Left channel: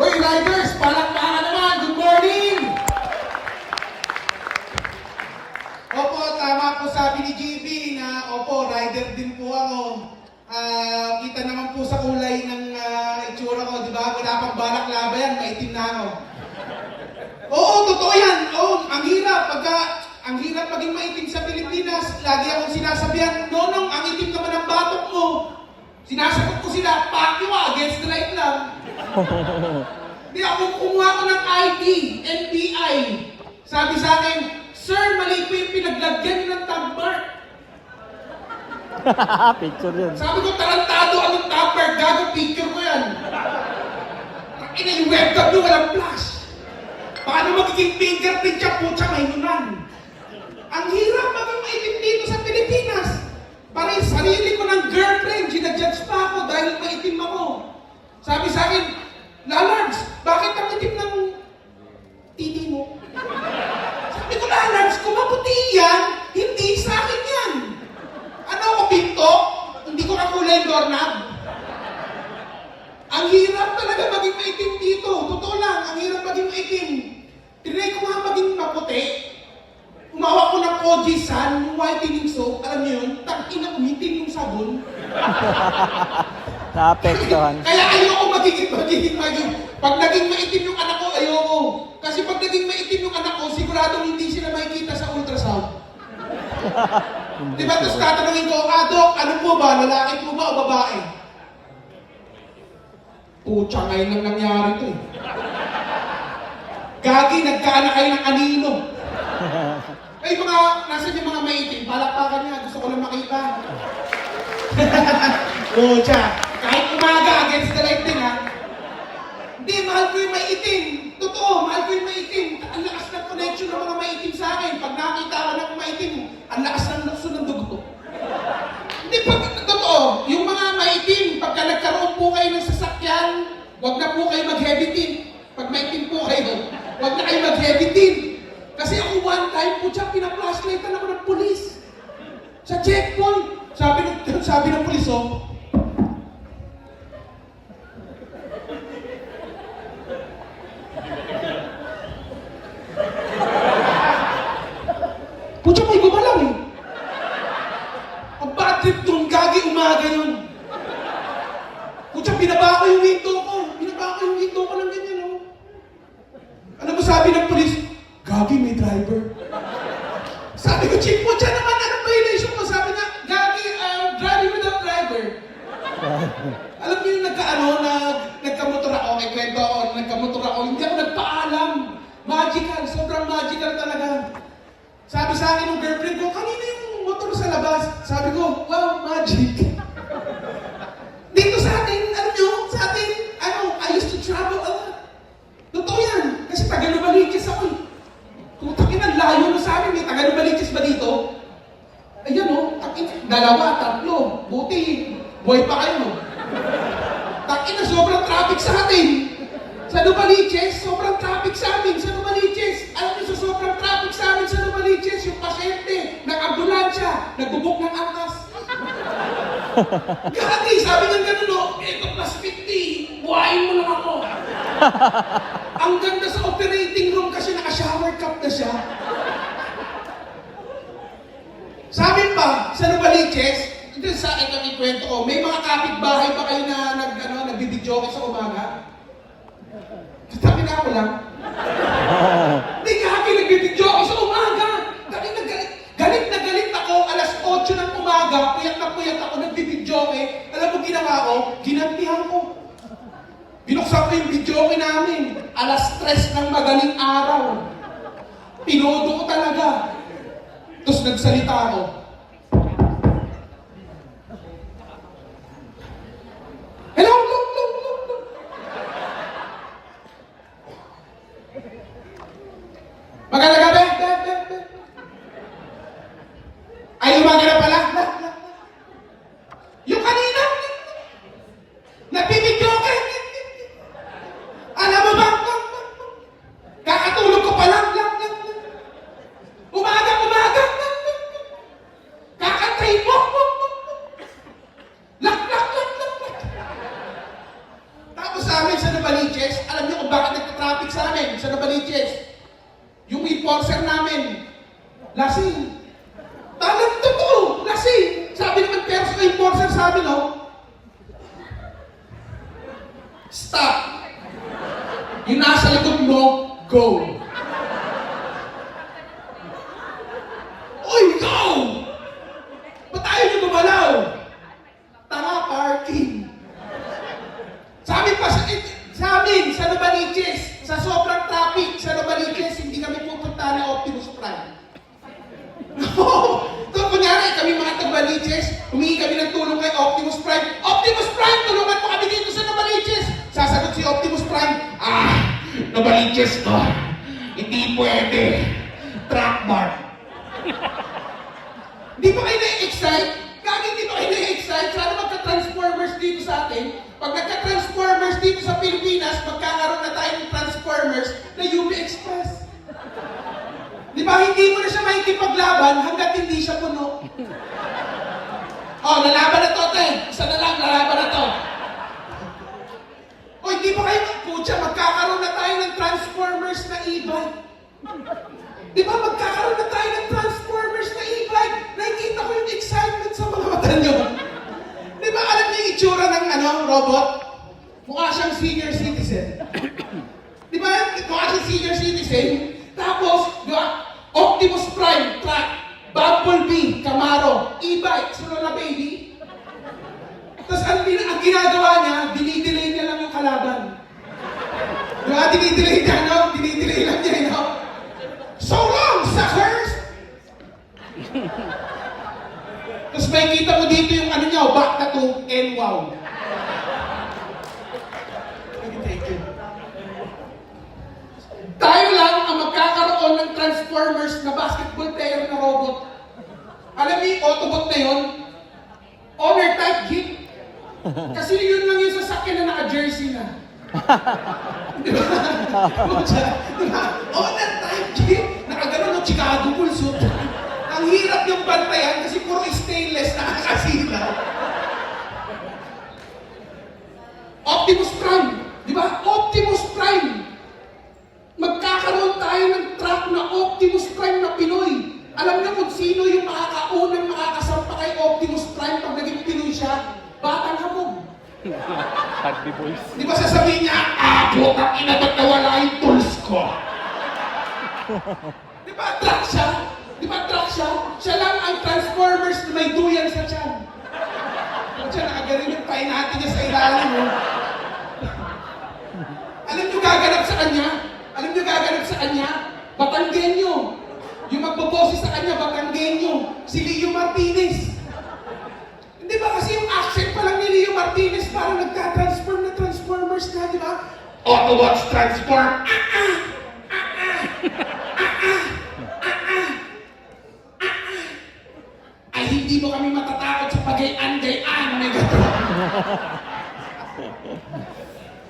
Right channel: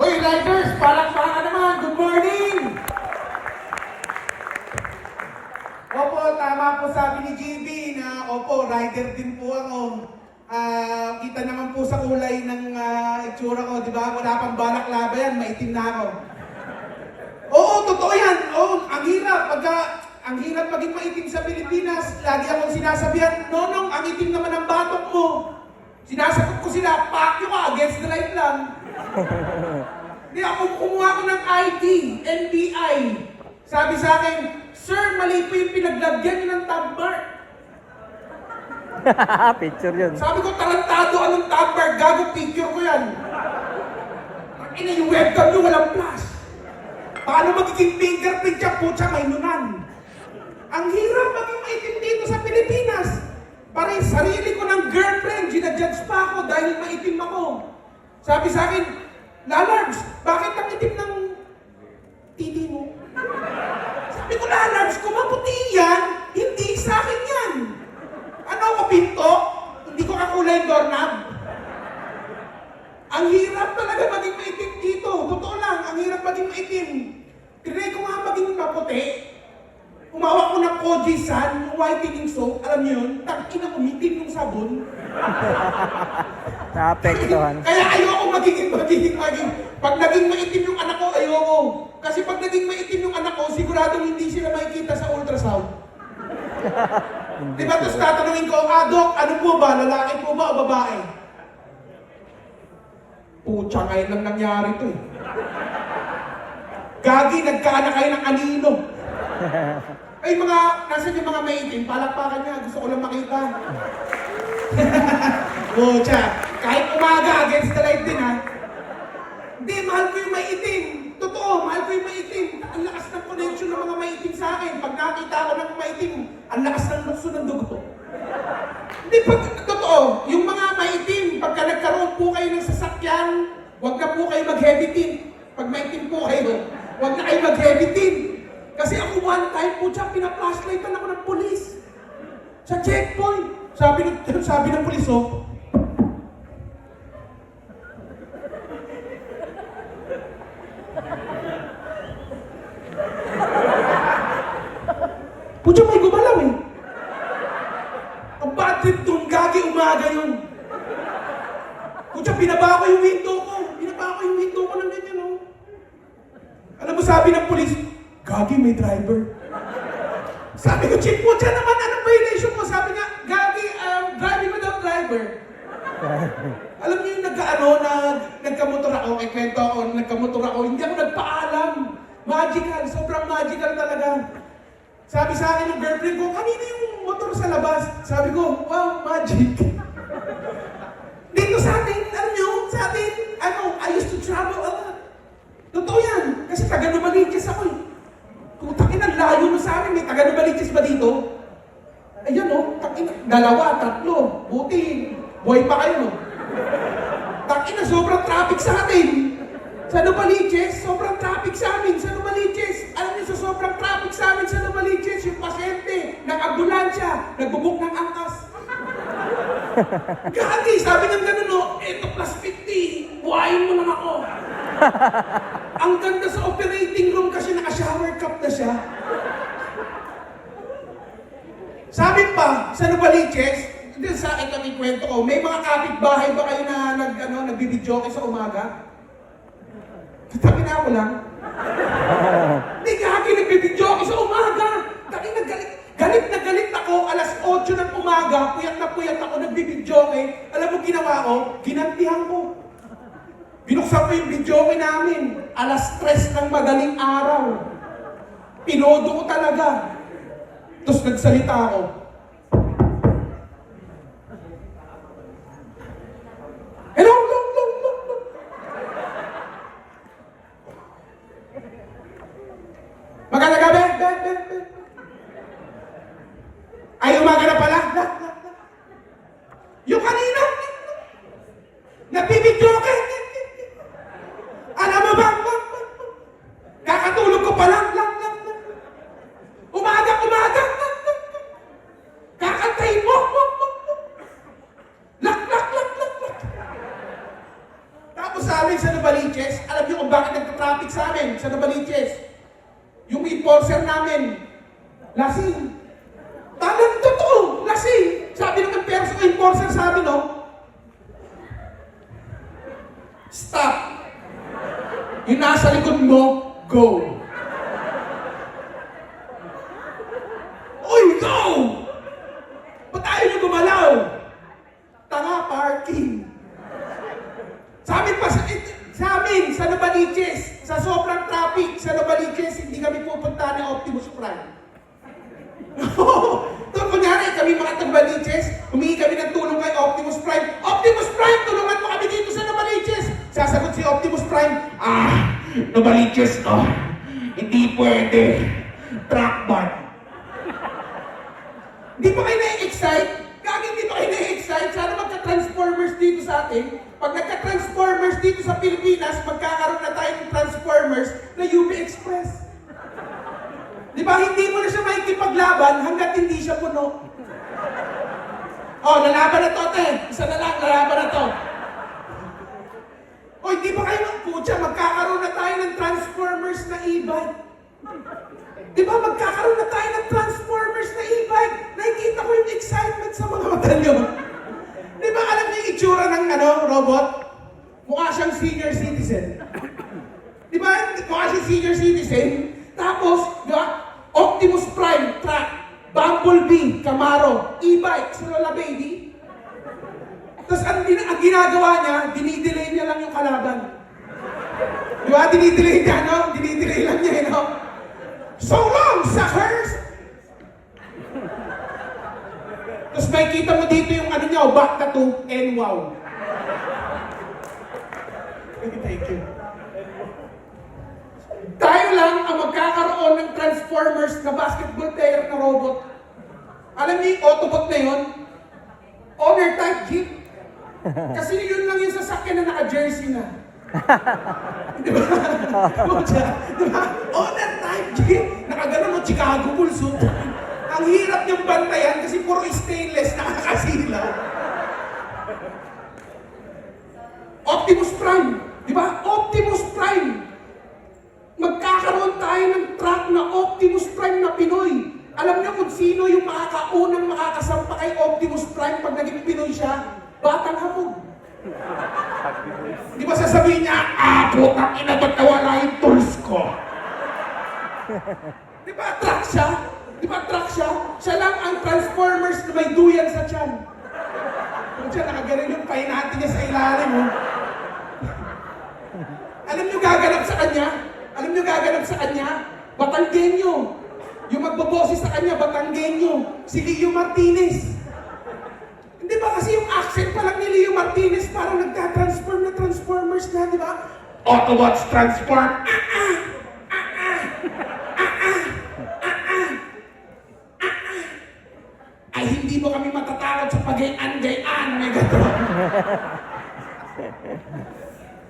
Hoy, Riders! Palakpakan naman! Good morning! Opo, tama po sabi ni GB na opo, rider din po ako. Kita naman po sa kulay ng itsura ko, di ba? Wala pang balaklava yan, maitim na ako. Oo, totoo yan. Oo, ang hirap maging maitim sa Pilipinas. Lagi akong sinasabihan, Nonong, ang itim naman ang batok mo. Sinasagot ko sila, paki mo, against the light lang. Di ako kumuha ko ng ID, NBI. Sabi sa akin, Sir, mali po yung pinaglagyan nyo ng tab mark. Picture yun. Sabi ko, tarantado anong tab mark, gago picture ko yan. Ang ina yung webcam nyo, walang flash. Paano magiging fingerprint siya, putya, may nunan. Ang hirap maging maitim dito sa Pilipinas. Parang sarili ko ng girlfriend, ginajudge pa ako dahil maitim ako. Sabi sa akin, Lalards, bakit ang itim ng titi mo? Sabi ko, Lalards, kung maputi yan, hindi sa akin yan. Ano ako, pinto? Hindi ko kakulay doorknob. Ang hirap talaga maging maitim dito. Totoo lang, ang hirap maging maitim. Tinry ko nga maging maputi. Umawa ko ng Oji-san, yung whitening soap, alam niyo yun, tangina umitim yung sabon. Naapektuhan. Kaya ayoko magiging. Pag naging maitim yung anak ko, ayoko. Kasi pag naging maitim yung anak ko, siguradong hindi sila makikita sa ultrasound. Diba? Tapos tatanungin ko, Dok, ano po ba? Lalaki po ba o babae? Pucha, ngayon lang nangyari ito eh. Gagi, nagkaanak kayo ng anino. Ay nasan yung mga maitim? Palakpakan niya, gusto ko lang makita. Pucha, kahit umaga, against the light din ha. Hindi, mahal ko yung maitim. Totoo, mahal ko yung maitim. Ang lakas ng connection ng mga maitim sa akin. Pag nakita ko ng maitim, ang lakas ng lukso ng dugo. Hindi, totoo, yung mga maitim, pagka nagkaroon po kayo ng sasakyan, huwag na po kayo mag-heavy team. Pag maitim po kayo, huwag na kayo mag-heavy team. Kasi ako one time po siya, pina-flashlightan ako ng polis. Sa checkpoint. Sabi ng polis, oh, Pucha, may gumalaw eh. Ang bad trip doon, gagi umaga yun. Pucha, binaba ko yung window ko. Binaba ko yung window ko ng ganyan, oh. Ano ba sabi ng polis? Gagi, may driver. Sabi ko, Chief, pucha naman, anong violation ko? Sabi nga, Gagi, driving without driver. Alam niyo yung nagkamotor ako, may kwento ako, nagkamotor ako, hindi ako nagpaalam. Magical, sobrang magical talaga. Sabi sa akin ng girlfriend ko, kanina yung motor sa labas. Sabi ko, wow, magic. Dito sa atin, I used to travel a lot. Totoo yan, kasi taga-Lumaliches ako eh. Tutakin ang layo mo sa amin, may taga-Lumaliches ba dito? Ayan o, dalawa, tatlo. Buti, buhay pa kayo. Takin na sobrang traffic sa atin. Sa Lumaliches, sobrang traffic sa amin. Sa Lumaliches, alam niyo sa sobrang traffic sa amin sa Lumaliches, yung pasyente, nag-ambulansya, nagbubuk ng angkas. Gagi, sabi ng gano'n, no, eto plus 50, buhayin mo lang ako. Ang ganda sa operating room kasi naka-shower cup na siya. Sabi pa, sa Novaliches, sa akin ang ikwento ko, may mga kapitbahay ba kayo na nagbibidyo kayo sa umaga? Sabi na ako lang. Hindi kami nagbibidyo ako sa umaga. Galit na galit ako, alas 8 ng umaga, puyat ako, nagbibidyo kayo. Alam mo ginawa ko? Ginampihan ko. Binuksan ko yung video namin. Alas 3 ng madaling araw. Pinodo ko talaga. Tapos nagsalita ako. Hello. Maganda ka ba? Ay, umaga na pala. Yung kanina, nagbibidyo ka. Alam mo ba? Kakatulog ko pa lang. Umaga. Kakatrain mo. Lak. Tapos sa amin sa Novaliches, alam niyo kung bakit nagka-traffic sa amin sa Novaliches? Yung enforcer namin, lasing. Talagang totoo, lasing. Sabi naman pero sa enforcer sabi, no? Stop. Yung nasa likod mo, go. Oy, go! Ba't ayaw niyo gumalaw? Tanga, parking. Sa amin, sa Novaliches, sa sobrang traffic sa Novaliches, hindi kami pupunta ng Optimus Prime. Doon, kunyari, kami mga Novaliches, humingi kami ng tulong kay Optimus Prime. Optimus Prime, tulungan mo kami dito sa Novaliches. Sasagot si Optimus Prime, Novaliches, hindi pwede. Track bar. Di ba kayo na-excite? Kami di ba kayo na-excite? Sana magka-transformers dito sa atin. Pag nagka-transformers dito sa Pilipinas, magkakaroon na tayo ng transformers na UB Express. Di ba hindi mo na siya makikipaglaban hanggat hindi siya puno? Oh, lalaban na to, ate. Isa na lang, lalaban na to. O, hindi ba kayo putya, magkakaroon na tayo ng transformers na e-bike? Di ba magkakaroon na tayo ng transformers na e-bike? Nakikita ko yung excitement sa mga mata nyo. Di ba alam niyo yung itsura ng robot? Mukha siyang senior citizen. Di ba? Mukha siyang senior citizen. Tapos, di ba? Optimus Prime, truck, Bumblebee, Camaro, e-bike, si Lola Baby. Tapos ang ginagawa niya, dinidelay niya lang yung kalaban. Di ba? Dinidelay niya, no? Dinidelay lang niya, no? So long, suckers! Tapos may kita mo dito yung ano niya, back na to, and wow. Thank you. Tayo lang ang magkakaroon ng Transformers na basketball player na robot. Alam niyo yung Autobot na yun? Honor type geek. Kasi yun lang yung sasakyan na naka-jersey na. Diba? Diba? Honor type geek. Nakagano ng Chicago Bulls. Ang hirap yung bantayan kasi puro stainless na nakasilaw. Optimus Prime. Diba? Optimus Prime. Magkakaroon tayo ng truck na Optimus Prime na Pinoy. Alam niyo kung sino yung makakaunang makakasampa kay Optimus Prime pag naging Pinoy siya? Batang Hamog. Di ba sasabihin niya, putang ina, ba't nawala yung tools ko? Di ba truck siya? Di ba truck siya? Siya lang ang Transformers na may duyan sa tiyan. Kung siya nakagaling yung pain natin niya sa ilalim. Alam niyo gaganap sa kanya? Alam niyo gaganap sa kanya? Batanggenyo. Yung magboboses sa kanya, Batanggenyo. Si Leo Martinez. Hindi ba kasi yung accent pa lang ni Leo Martinez parang nagtatransform na Transformers na, di ba? Autobots transform. Ay, hindi mo kami matatakot sa pag-i-anday-an, Megatron.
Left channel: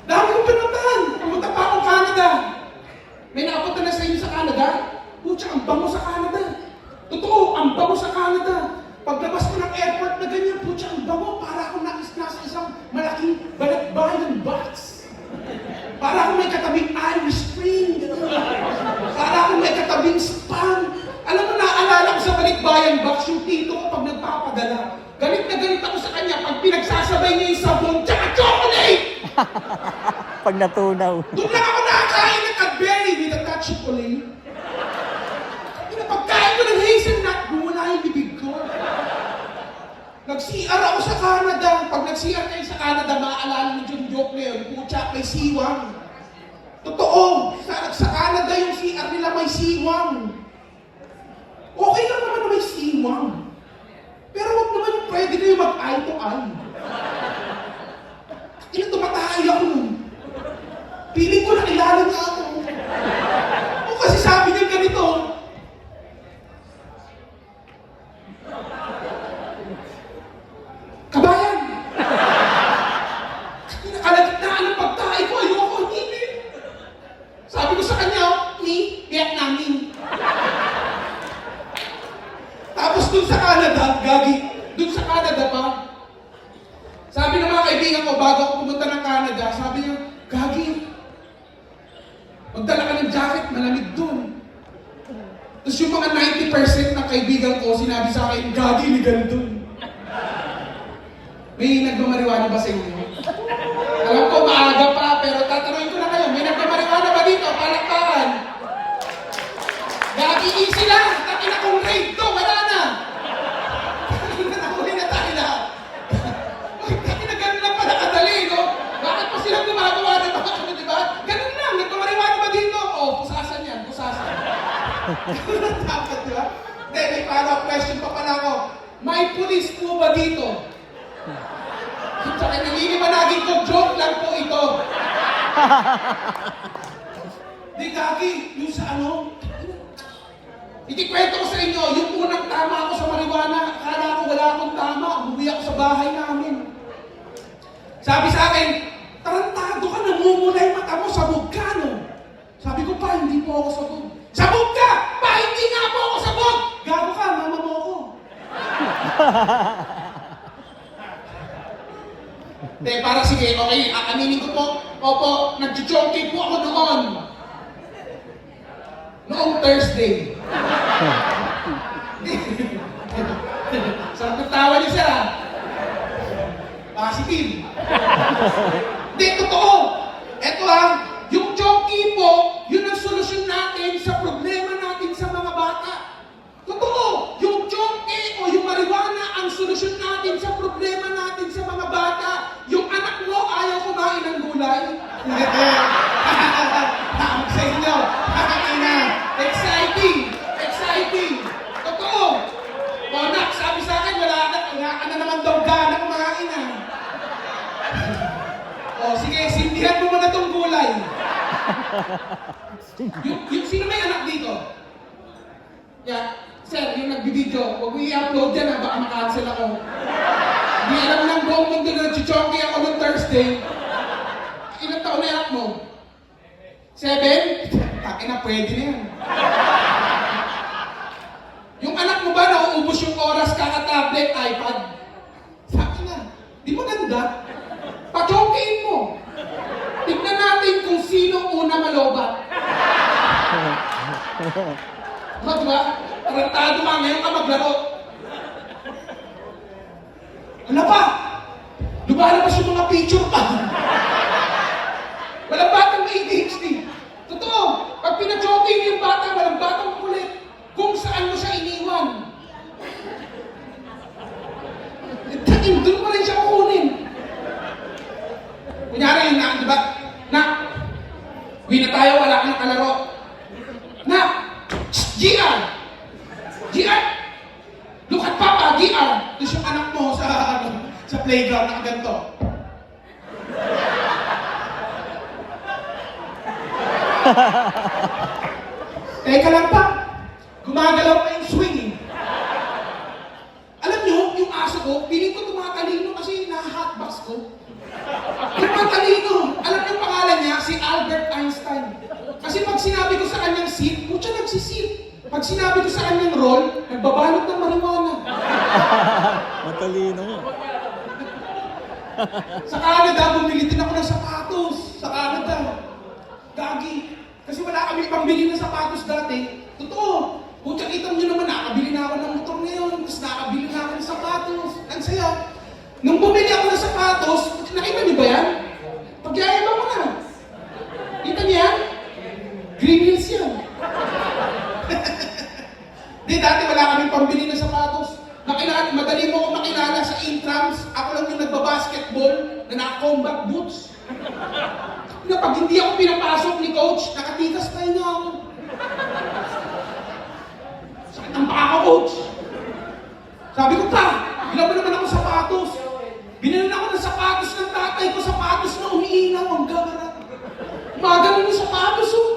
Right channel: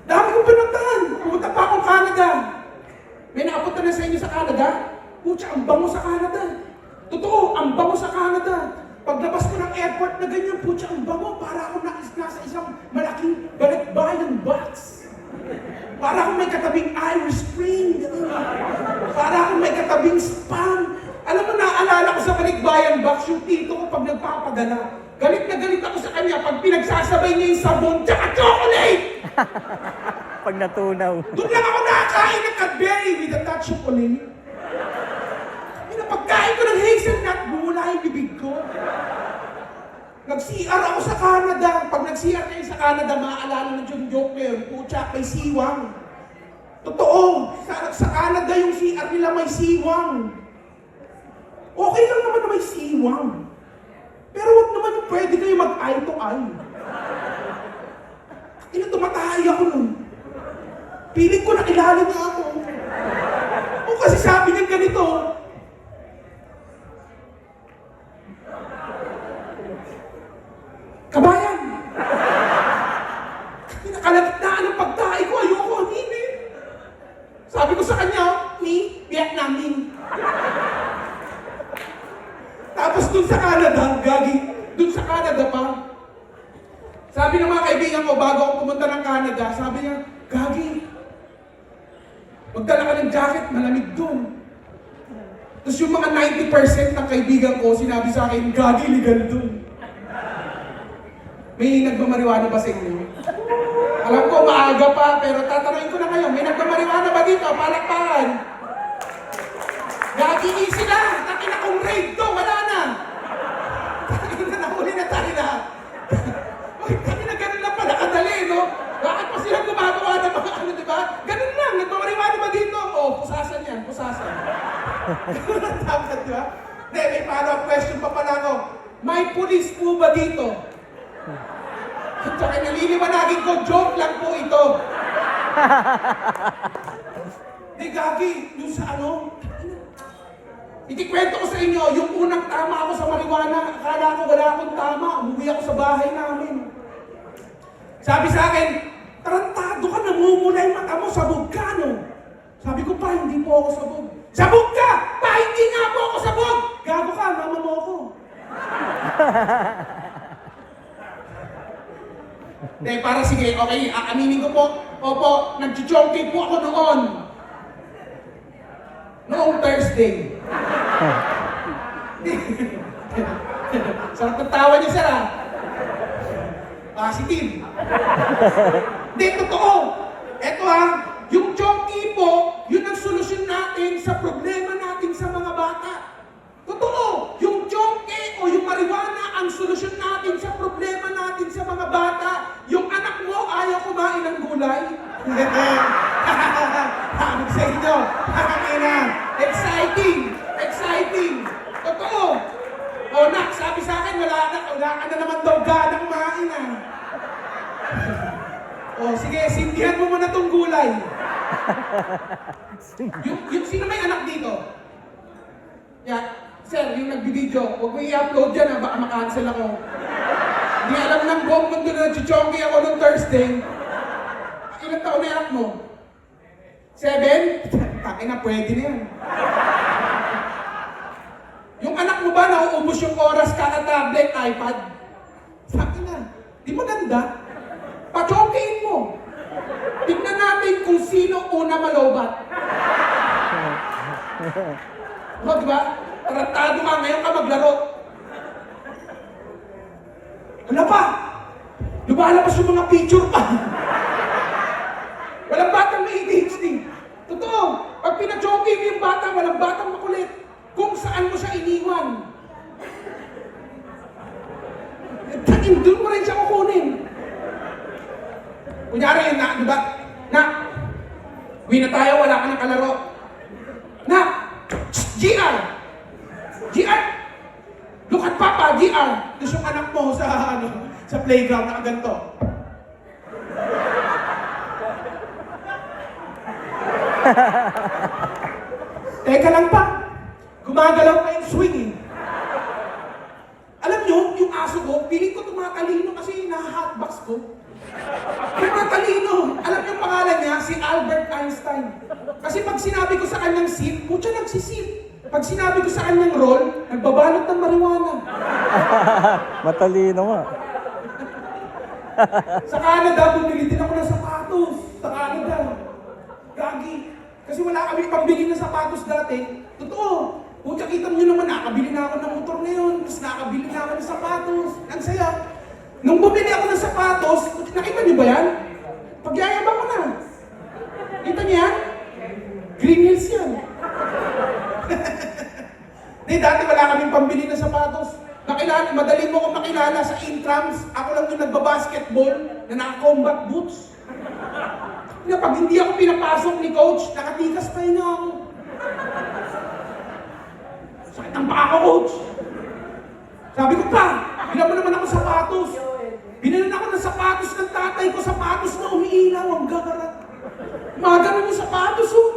Dami kong pinuntahan. Pumunta pa akong Canada. May nakapunta na sa inyo sa Canada? Putya, ang bango sa Canada. Totoo, ang bango sa Canada. Paglabas ko ng airport na ganyan, putya, ang bango. Para akong nasa isang malaking balikbayan box. Para akong may katabing Irish Spring. Para akong may katabing Spam. Alam mo, naaalala ko sa balikbayan box yung tito ko pag nagpapadala. Galit na galit ako sa kanya pag pinagsasabay niya yung sabon tsaka chocolate! Pag natunaw. Doon lang ako nakakain ng Cadbury with a touch of chocolate. Pagkain ko ng hazelnut, bumula yung bibig ko. Nag-CR ako sa Canada. Pag nag-CR kayo sa Canada, maaalala ng yung joke na yun, putya, may siwang. Totoo, sa Canada yung CR nila may siwang. Okay lang naman na may siwang. Pero wag naman yung pwede na yung mag-eye to eye. Tumatahay ako nun. Piling ko na kilala niya ako. O kasi sabi niya ganito, kabayan! Nakalagtaan ng pagtahay ko, ayoko, hindi. Sabi ko sa kanya, ni Vietnamese. Tapos dun sa Canada, gagi, dun sa Canada pa, pumunta ng Canada, sabi niya, Gagi, magdala ka ng jacket, malamig dun. Tapos yung mga 90% ng kaibigan ko, sinabi sa akin, Gagi, legal dun. May nagmamariwana ba sa inyo? Alam ko, maaga pa, pero tatanungin ko na kayo, may nagmamariwana ba dito? Palakpakan! Gagi, easy lang! Taki na kong raid to, wala na! Nahuli na tayo lahat. Ay, taki na ganun lang pala kadali, no? Bakit pa silang gumagawa ng mga ano, di ba? Ganun lang, nagmamariwana ba dito? Oh, pusasan yan, pusasan. Dapat, di ba? Hindi, may follow-up question pa pala ako. May pulis po ba dito? At saka naliliwanagin ko, joke lang po ito. Di Gagi, yung sa ano, itikwento ko sa inyo, yung unang tama ako sa marijuana, akala ko wala akong tama, umuwi ako sa bahay namin. Sabi sa akin, tarantado ka, namumula yung mata mo, sabog ka, no? Sabi ko pa, hindi po ako sabog. Sabog ka! Pa, hindi nga po ako sabog! Gago ka, mama mo ako. Dahil para sige, okay, aaminin ko po, opo, nag-chonky po ako noon. Noong Thursday. Saan kong tawa niya, sir, ah? Positive. Hindi, totoo. Eto, yung chonky po, yun ang solusyon natin sa problema natin sa mga bata. Totoo. Yung chonky o yung marijuana ang solusyon natin sa problema natin sa mga bata. Yung anak mo ayaw kumain ng gulay. Hamag sa inyo. Exciting! Exciting! Totoo! O nak, sabi sa akin, wala ka na naman daw gana kumain, ah. O sige, sindihan mo muna tong gulay. Yung sino may anak dito? Yeah, sir, yung nagbibideo, huwag mo i-upload yan, baka makancel ako. Hindi alam ng buong mundo na nag-chonky ako nung Thursday. Ilang taon na anak mo? 7? Takin na, pwede na yan. Yung anak mo ba nauubos yung oras kaka-tablet, iPad? Sabi na, di ba ganda? Pa-chonkiin mo. Tignan natin kung sino una malobat. O, diba? Tarantado ka, ngayon ka maglaro. Ano pa? Lumalabas yung mga picture pa. Walang batang may ADHD. Totoo. Pag pinachoking mo yung bata, walang batang makulit. Kung saan mo siya iniwan. Doon mo rin siya kukunin. Kunyari, di ba? Uwi na tayo, wala ka ng kalaro. GR! GR! Look at Papa, GR! Tapos yung anak mo sa playground na ganito. Teka lang pa, gumagalaw pa yung swing, eh. Alam nyo, yung aso ko, piling ko tumatalino kasi na-hotbox ko. Tumatalino. Alam nyo pangalan niya, si Albert Einstein. Kasi pag sinabi ko sa kanyang sit, mutya nagsisit. Pag sinabi ko sa kanyang roll, nagbabalot ng marijuana. Matalino nga. Sa Canada, bumili din ako ng sapatos. Sa Canada. Gagi. Kasi wala kami pambili ng sapatos dati. Totoo. Kung kita nyo naman, nakabili na ako ng motor ngayon. Tapos nakabili na ako ng sapatos. Ang saya. Nung bumili ako ng sapatos, nakita niyo ba yan? Pagyayabang ko na. Kita niya yan? Green Hills yan. Di, dati wala kaming pambili ng sapatos. Madali mo akong makilala sa intrams. Ako lang yung nagbabasketball na naka-combat boots. Na pag hindi ako pinapasok ni coach, nakatikas tayo na ako. Sakit ang baka ko, coach. Sabi ko, pa, bilang mo naman ako sapatos. Binalan ako ng sapatos ng tatay ko, sapatos na umiilaw, ang gagarat. Maganon yung sapatos, oh.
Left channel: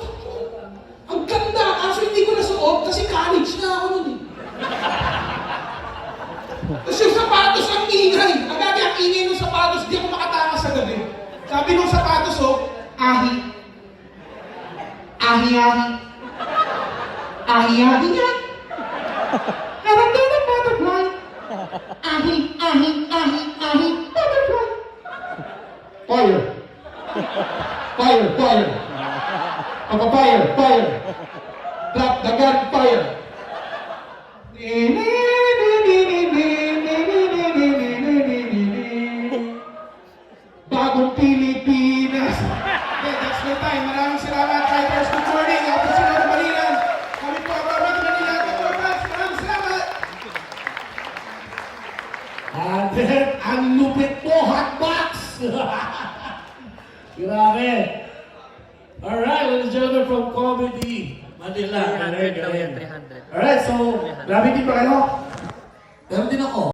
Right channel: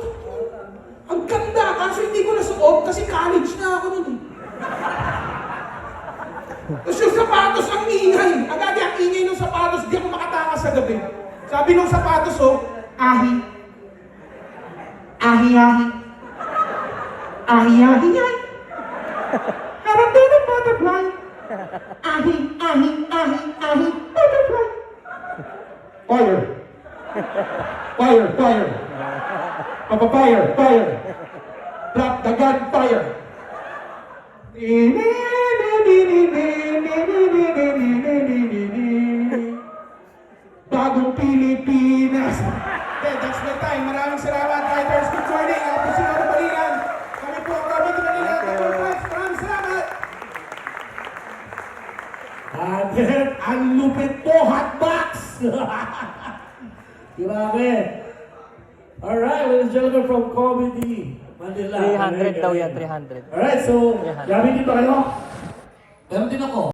Ang ganda, kaso hindi ko nasuot kasi college na ako nun, eh. Tapos yung sapatos ang ingay. Agad ang ingay ng sapatos, di ako makatakas sa gabi. Sabi ng sapatos, oh, ahi. Ahi-ahi. Ahi-ahi yan. Parang din ang butterfly. Ahi, ahi, ahi, ahi, butterfly. Fire! Fire! Fire! Papa-fire! Fire! Drop the gun! Fire! Bagong Pilipinas! Okay, that's the time. Maraming salamat, Fighters. Good morning. Ako po si Laro Balilan. Kami po ang Robert Manila. Maraming salamat! Ang lupit po, hotbox! Grabe! Alright, ladies and gentlemen from Comedy Manila. 300 daw yan, 300. Alright, so, grabe din ba kayo? Meron din ako.